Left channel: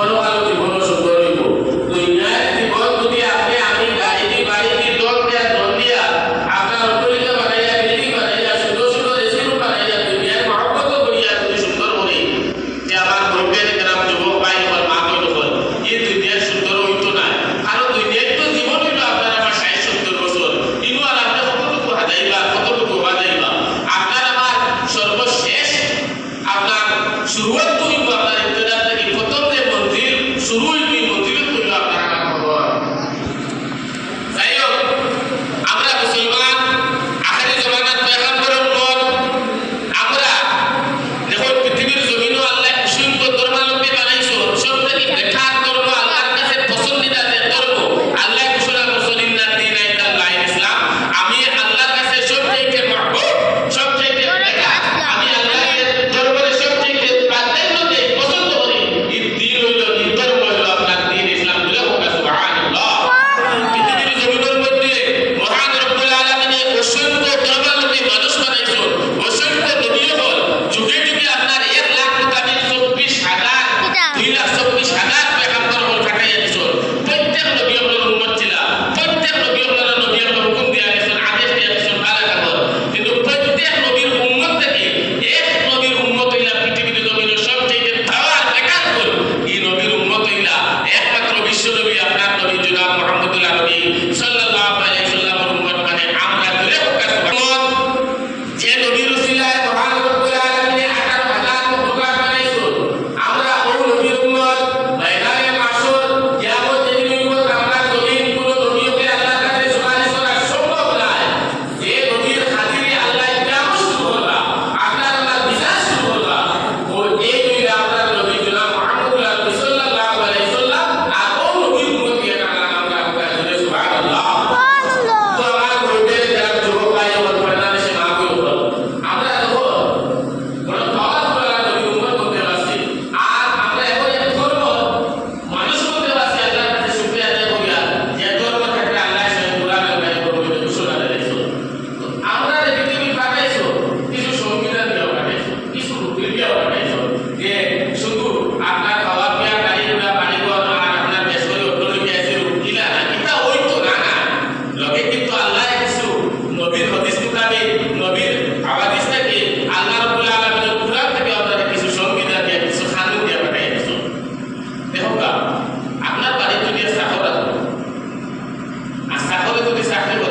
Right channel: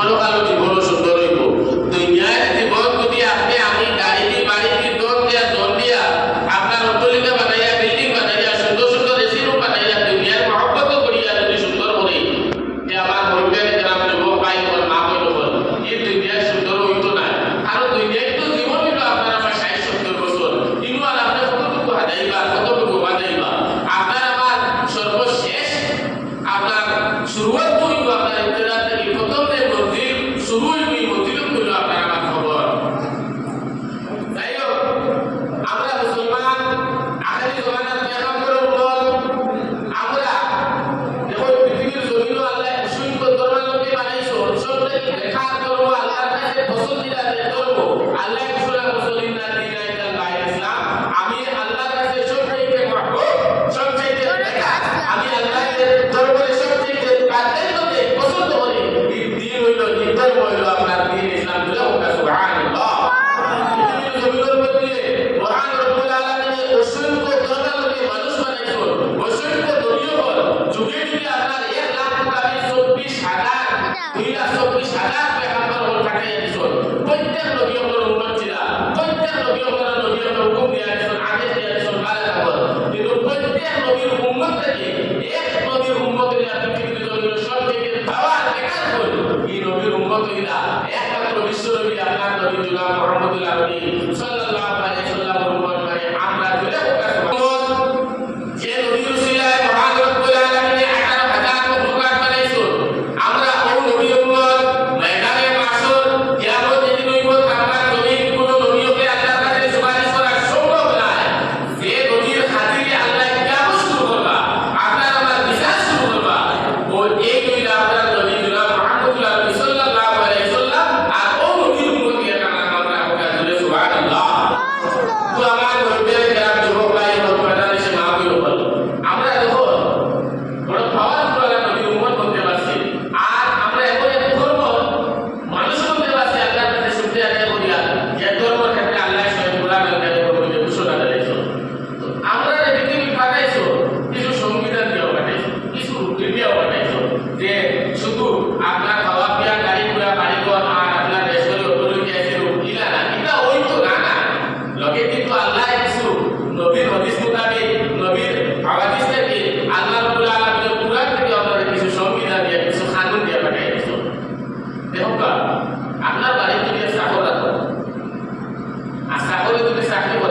Quando o garoto كل ساحر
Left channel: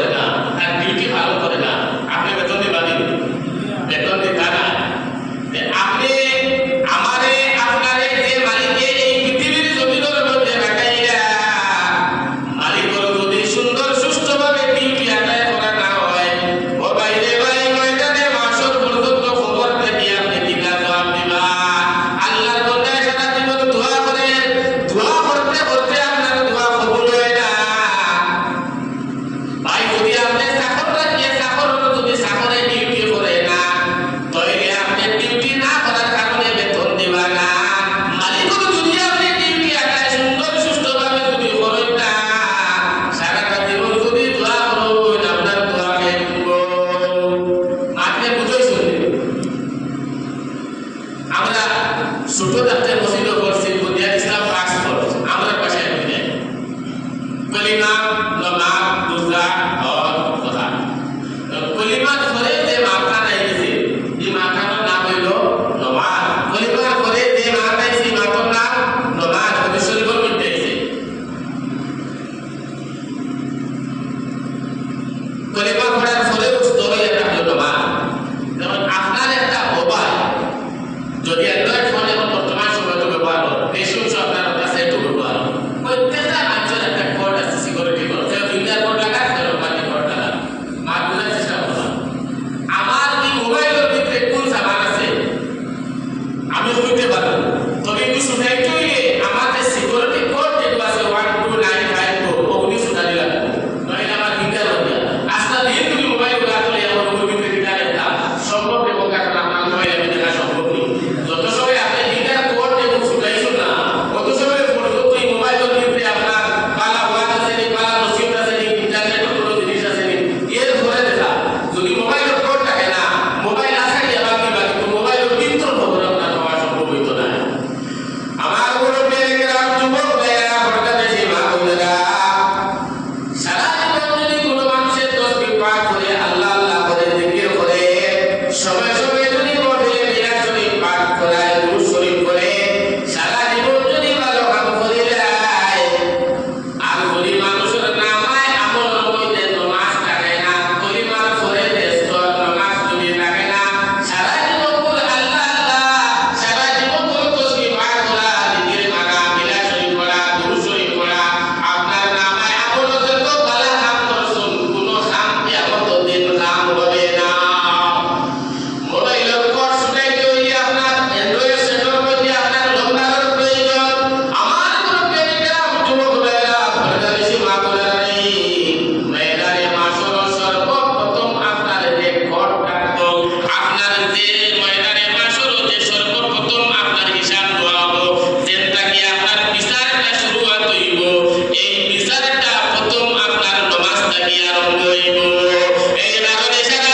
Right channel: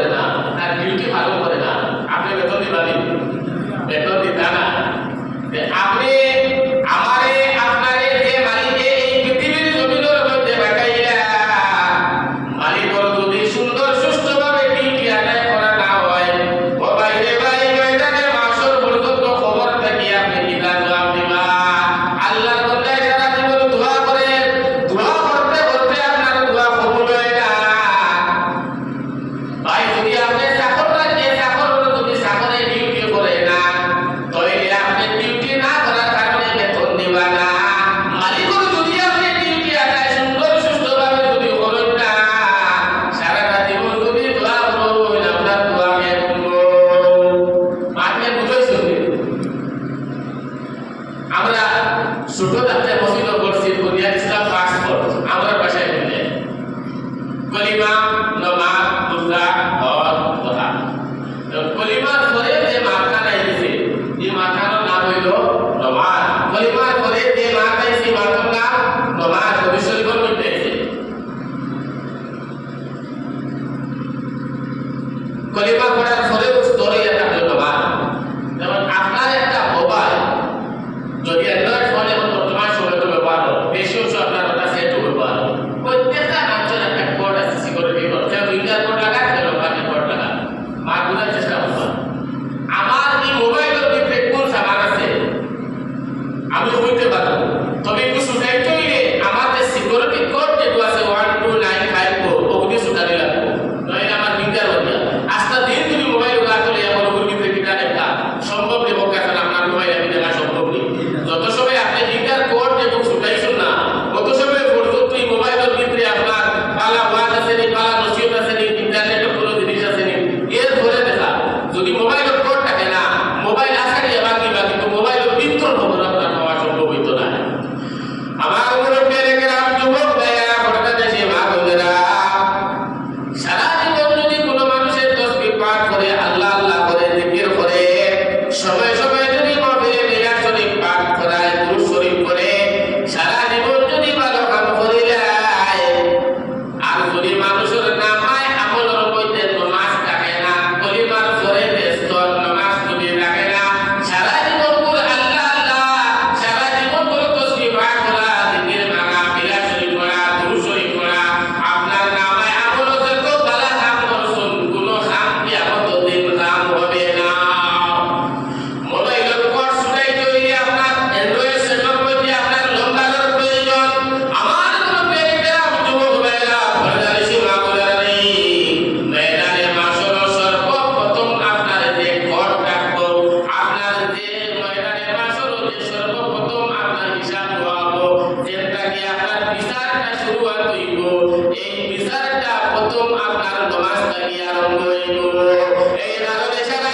So, brother, I was কি আর কইব এই রাগনে সারা